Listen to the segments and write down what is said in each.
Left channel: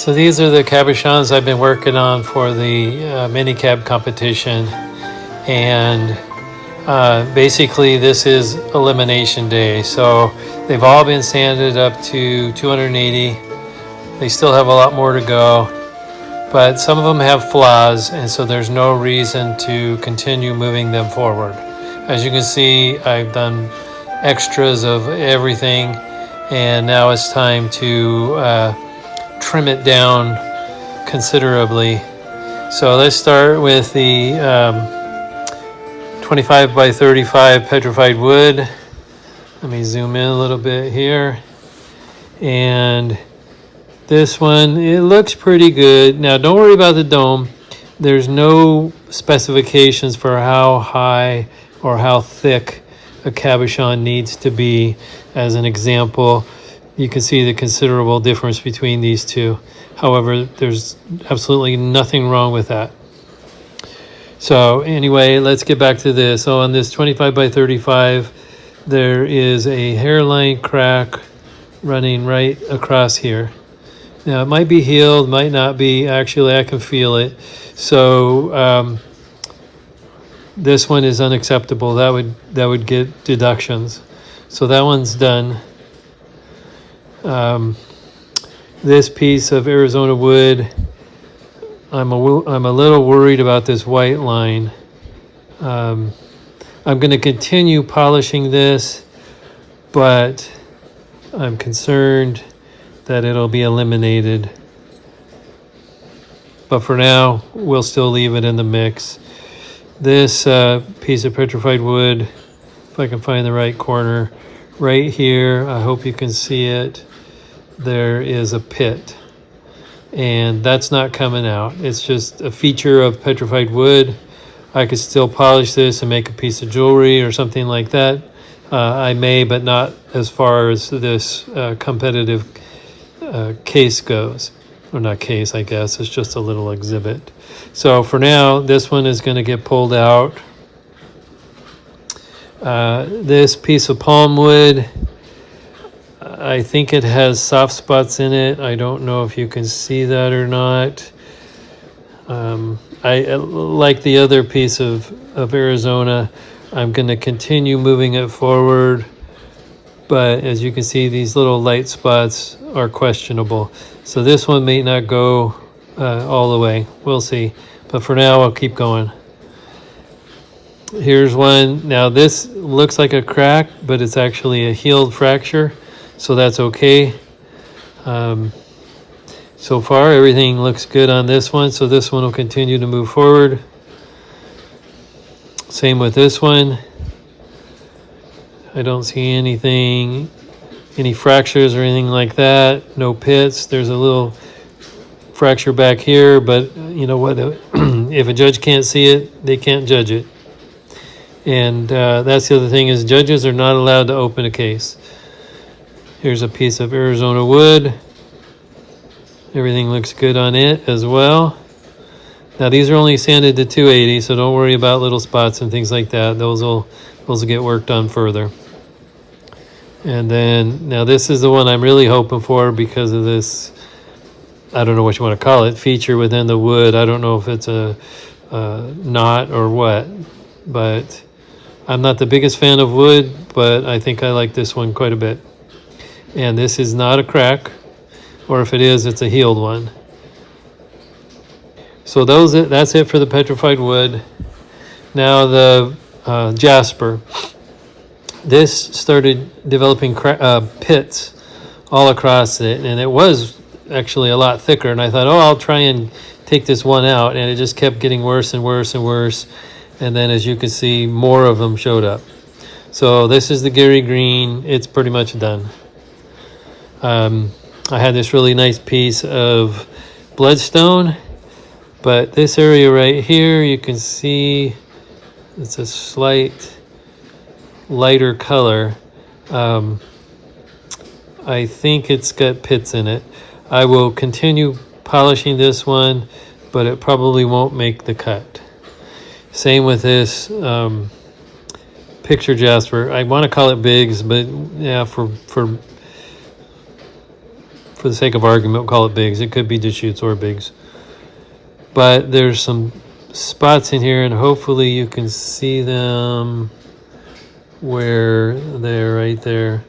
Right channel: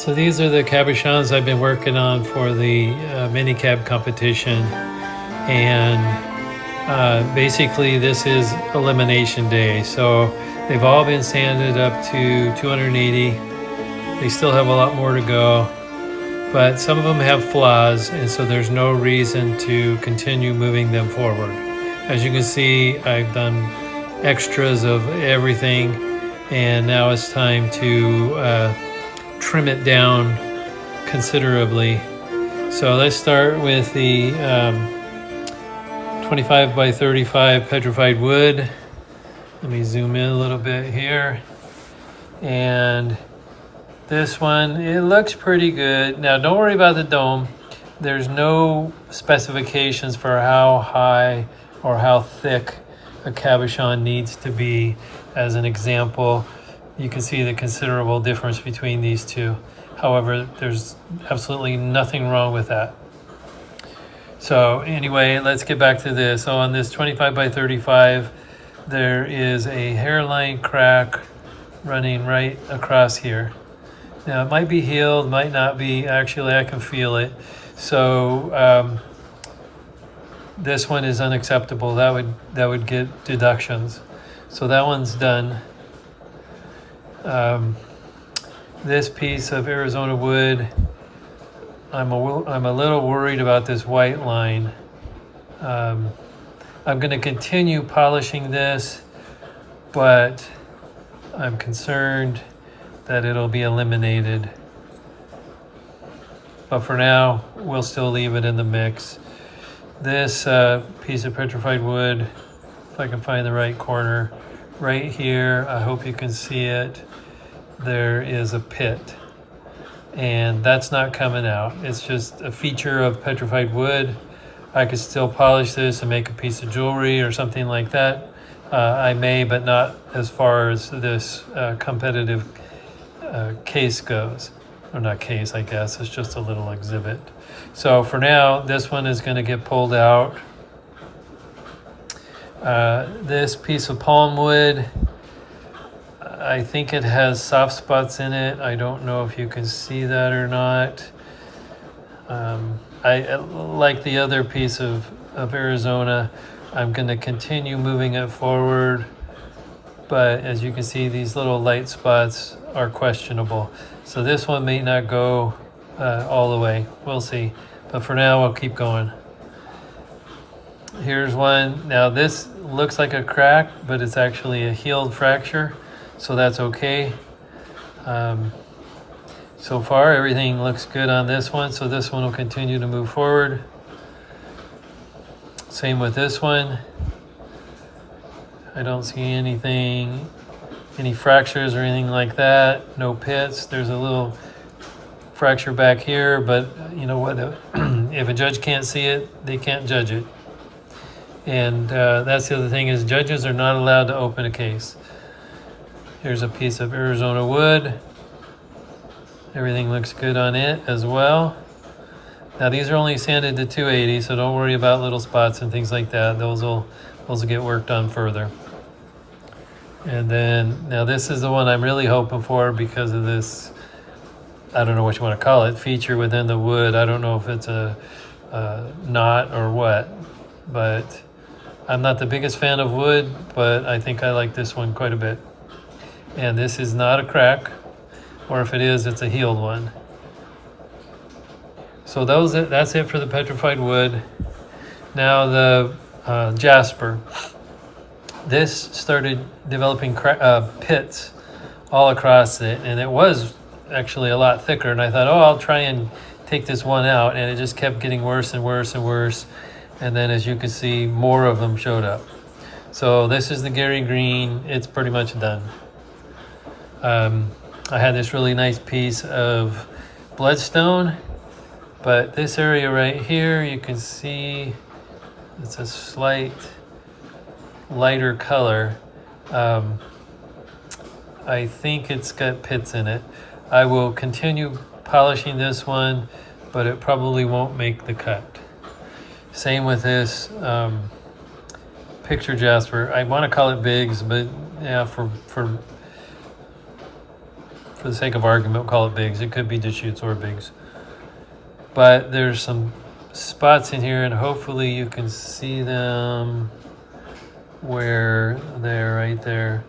So these are the cabochons I've been working on for the mini cab competition, and basically this is elimination day. So they've all been sanded up to 280. They still have a lot more to go, but some of them have flaws, and so there's no reason to continue moving them forward. As you can see, I've done extras of everything, and now it's time to trim it down considerably. So let's start with the 25 by 35 petrified wood. Let me zoom in a little bit here. And this one, it looks pretty good. Now don't worry about the dome. There's no specifications for how high or how thick a cabochon needs to be. As an example, you can see the considerable difference between these two. However, there's absolutely nothing wrong with that. So anyway, let's get back to this. So on this 25 by 35, there is a hairline crack running right across here. Now it might be healed, might not be. Actually, I can feel it. So this one is unacceptable. That would get deductions. So that one's done. This piece of Arizona wood, I'm a little worried about this white line. I'm going to continue polishing this, but I'm concerned that it'll be eliminated. But for now, we'll still leave it in the mix. This piece of petrified wood, if I can find the right corner, right here, I hope you can see it. There is a pit, and that's not coming out. It's just a feature of petrified wood. I could still polish this and make a piece of jewelry or something like that. I may, but not as far as this competitive case goes. Or not case, I guess. It's just a little exhibit. So for now, this one is going to get pulled out. This piece of palm wood, I think it has soft spots in it. I don't know if you can see that or not. I like the other piece of Arizona. I'm going to continue moving it forward, but as you can see, these little light spots are questionable. So this one may not go all the way. We'll see. But for now, I'll keep going. Here's one. Now this looks like a crack, but it's actually a healed fracture. So that's okay. So far, everything looks good on this one. So this one will continue to move forward. Same with this one. I don't see anything, any fractures or anything like that. No pits. There's a little fracture back here, but you know what? If a judge can't see it, they can't judge it. And that's the other thing, is judges are not allowed to open a case. Here's a piece of Arizona wood. Everything looks good on it as well. Now these are only sanded to 280, so don't worry about little spots and things like that. Those will get worked on further. And then now this is the one I'm really hoping for because of this, I don't know what you want to call it, feature within the wood. I don't know if it's a knot or what, but I'm not the biggest fan of wood, but I think I like this one quite a bit. And this is not a crack, or if it is, it's a healed one. So that's it for the petrified wood. Now the jasper. This started developing pits all across it, and it was actually a lot thicker. And I thought, oh, I'll try and take this one out, and it just kept getting worse and worse and worse. And then, as you can see, more of them showed up. So this is the Gary Green. It's pretty much done. I had this really nice piece of bloodstone, but this area right here, you can see it's a slight lighter color. I think it's got pits in it. I will continue polishing this one, but it probably won't make the cut. Same with this picture jasper. I want to call it Biggs, but yeah, for for the sake of argument, we'll call it bigs. It could be Deschutes or bigs. But there's some spots in here, and hopefully you can see them where they're right there.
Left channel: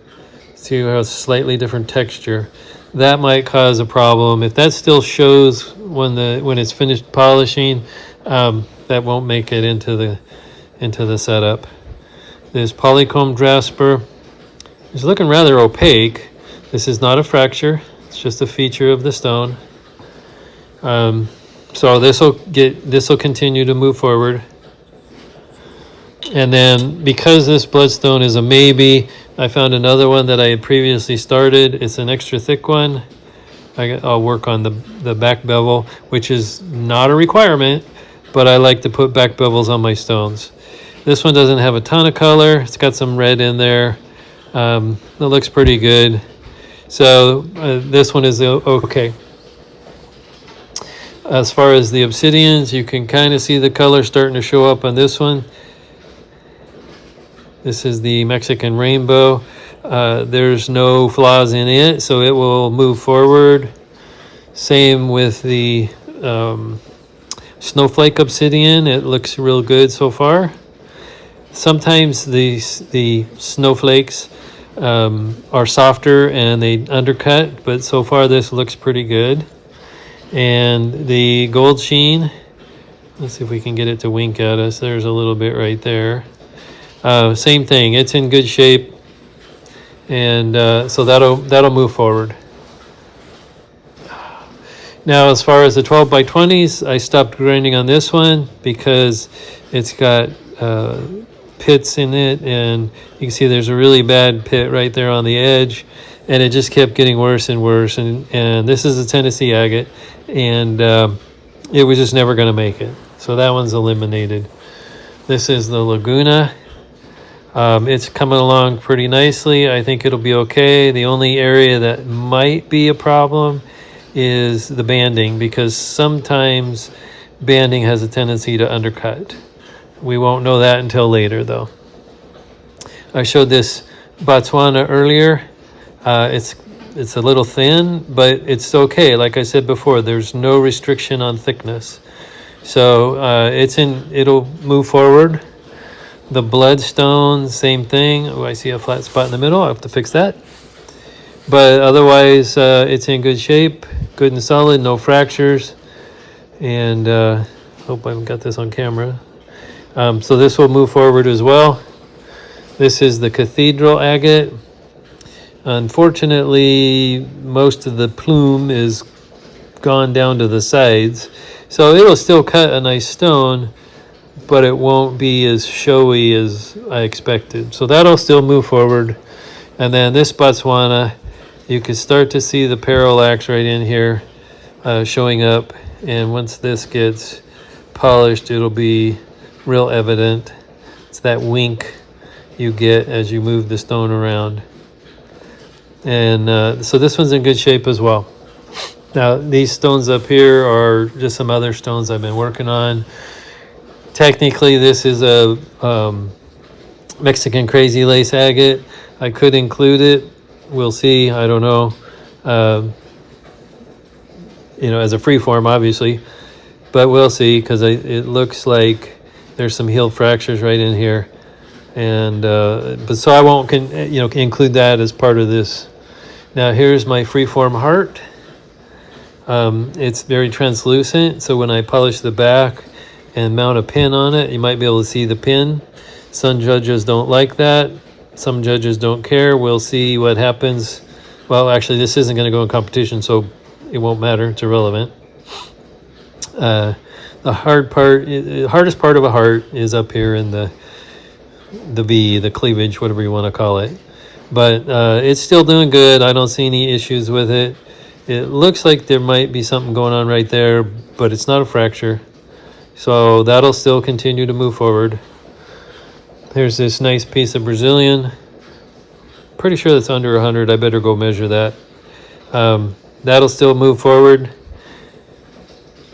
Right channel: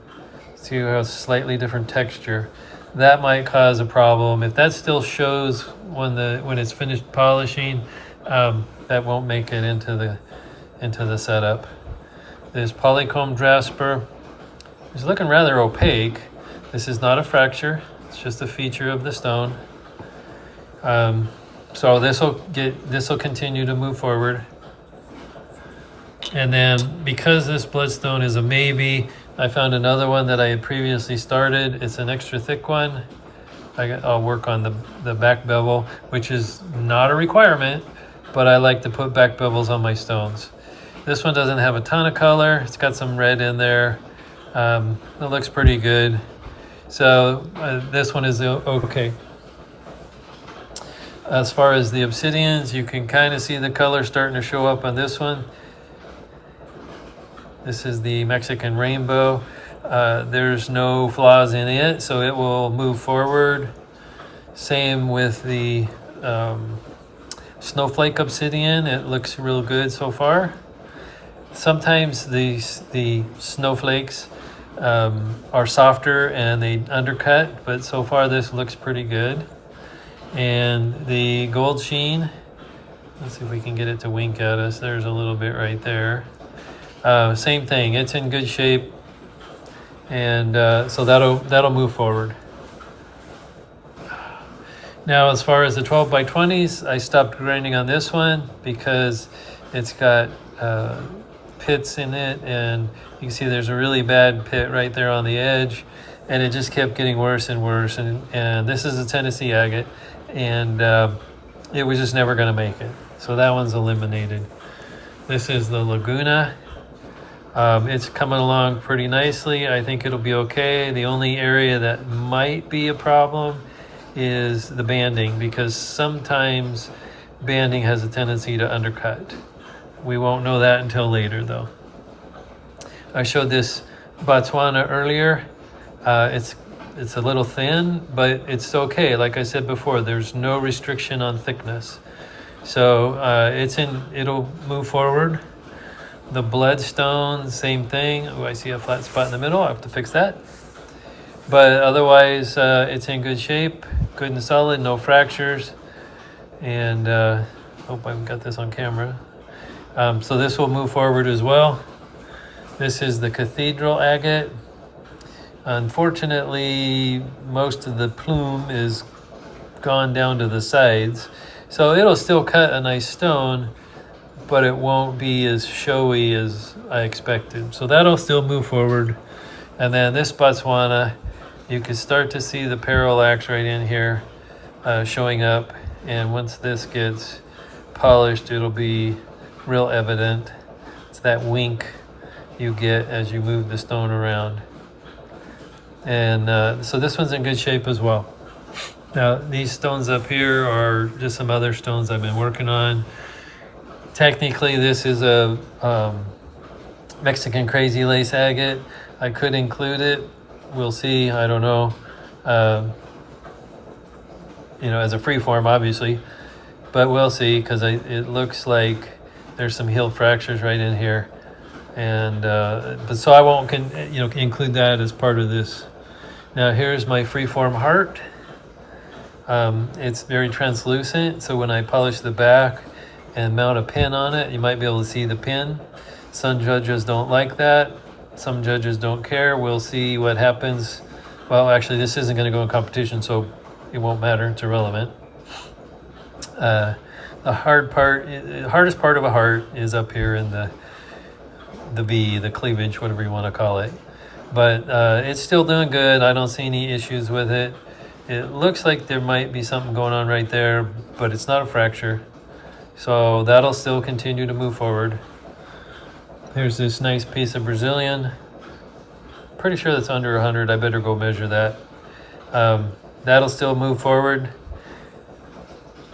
See how it's slightly different texture. That might cause a problem. If that still shows when it's finished polishing, that won't make it into the setup. This polychrome jasper is looking rather opaque. This is not a fracture. It's just a feature of the stone. So this will continue to move forward. And then because this bloodstone is a maybe, I found another one that I had previously started. It's an extra thick one. I'll work on the back bevel, which is not a requirement, but I like to put back bevels on my stones. This one doesn't have a ton of color. It's got some red in there. It looks pretty good. So this one is okay. As far as the obsidians, you can kind of see the color starting to show up on this one. This is the Mexican rainbow. There's no flaws in it, so it will move forward. Same with the snowflake obsidian. It looks real good so far. Sometimes the snowflakes are softer and they undercut, but so far this looks pretty good. And the gold sheen, let's see if we can get it to wink at us. There's a little bit right there. Same thing, it's in good shape, and so that'll move forward. Now, as far as the 12 by 20s, I stopped grinding on this one because it's got pits in it, and you can see there's a really bad pit right there on the edge, and it just kept getting worse and worse. And this is a Tennessee agate, and it was just never going to make it. So that one's eliminated. This is the Laguna. It's coming along pretty nicely. I think it'll be okay. The only area that might be a problem is the banding, because sometimes banding has a tendency to undercut. We won't know that until later, though. I showed this Botswana earlier. It's a little thin, but it's okay. Like I said before, there's no restriction on thickness. So it'll move forward. The bloodstone, same thing. Oh, I see a flat spot in the middle. I have to fix that. But otherwise, it's in good shape, good and solid, no fractures. And hope I've got this on camera. So this will move forward as well. This is the cathedral agate. Unfortunately, most of the plume is gone down to the sides. So it'll still cut a nice stone, but it won't be as showy as I expected. So that'll still move forward. And then this Botswana, you can start to see the parallax right in here showing up. And once this gets polished, it'll be real evident. It's that wink you get as you move the stone around. And so this one's in good shape as well. Now, these stones up here are just some other stones I've been working on. Technically, this is a Mexican crazy lace agate. I could include it. We'll see. I don't know. As a free form, obviously. But we'll see, because it looks like there's some healed fractures right in here. And but so I won't include that as part of this. Now, here's my freeform heart. It's very translucent, so when I polish the back and mount a pin on it, you might be able to see the pin. Some judges don't like that. Some judges don't care. We'll see what happens. Well, actually, this isn't going to go in competition, so it won't matter. It's irrelevant. The hardest part of a heart is up here in the V, the cleavage, whatever you want to call it. But it's still doing good. I don't see any issues with it. It looks like there might be something going on right there, but it's not a fracture. So that'll still continue to move forward. There's this nice piece of Brazilian. Pretty sure that's under 100. I better go measure that. That'll still move forward.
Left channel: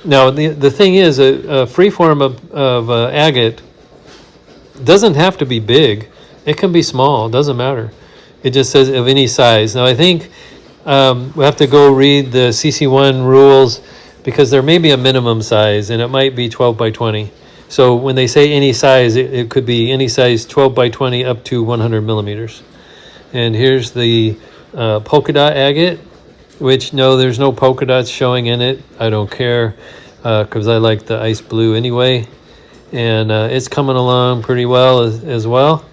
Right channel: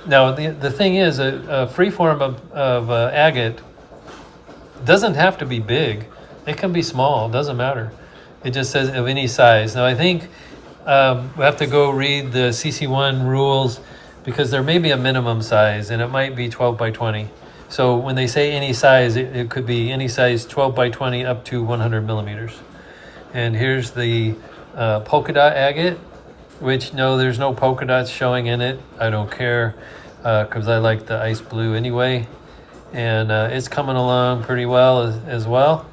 Now, the thing is, a free form of agate doesn't have to be big. It can be small. It doesn't matter. It just says of any size. Now, I think we have to go read the CC1 rules because there may be a minimum size and it might be 12 by 20. So when they say any size, it could be any size 12 by 20 up to 100 millimeters. And here's the polka dot agate, which no, there's no polka dots showing in it. I don't care because I like the ice blue anyway. And it's coming along pretty well as well.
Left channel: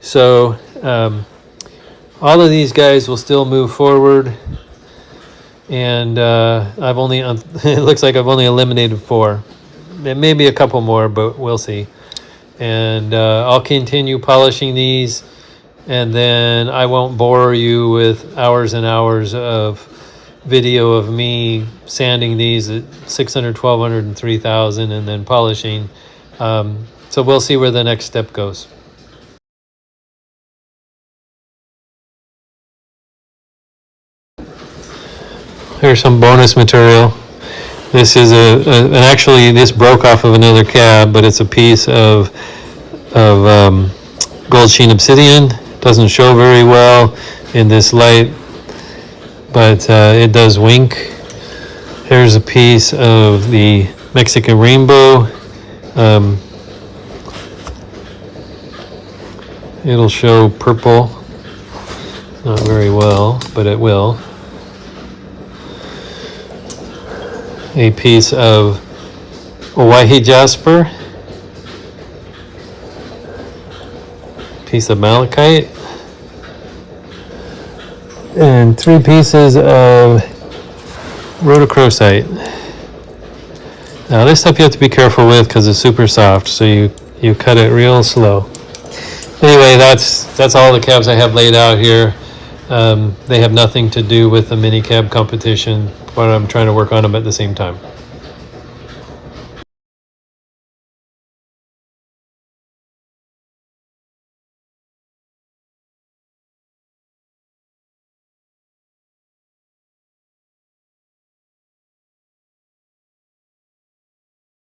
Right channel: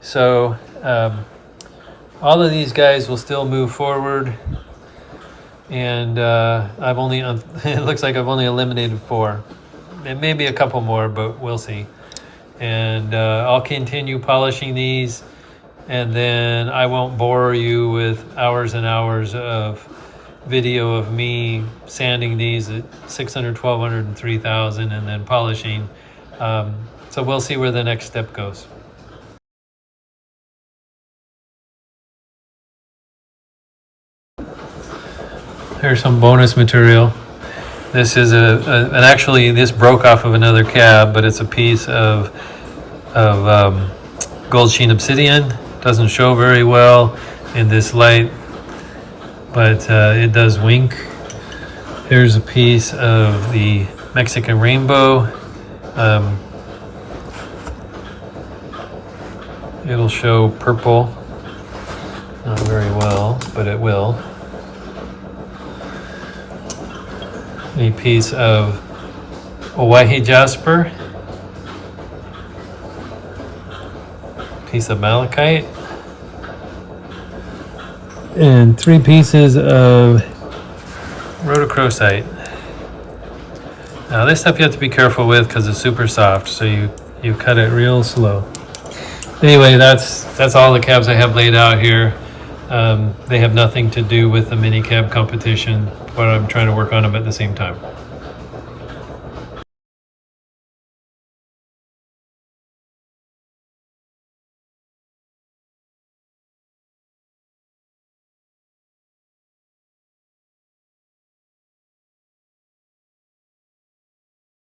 So all of these guys will still move forward. And I've only, it looks like I've only eliminated 4. There may be a couple more, but we'll see. And I'll continue polishing these, and then I won't bore you with hours and hours of video of me sanding these at 600, 1200, and 3000, and then polishing. So we'll see where the next step goes. Here's some bonus material. This is and actually this broke off of another cab, but it's a piece of gold sheen obsidian. Doesn't show very well in this light, but it does wink. Here's a piece of the Mexican rainbow. It'll show purple, not very well, but it will. A piece of Hawaii jasper, piece of malachite, and 3 pieces of rhodochrosite. Now this stuff you have to be careful with because it's super soft, so you cut it real slow. Anyway, that's all the cabs I have laid out here. They have nothing to do with the mini cab competition, but I'm trying to work on them at the same time.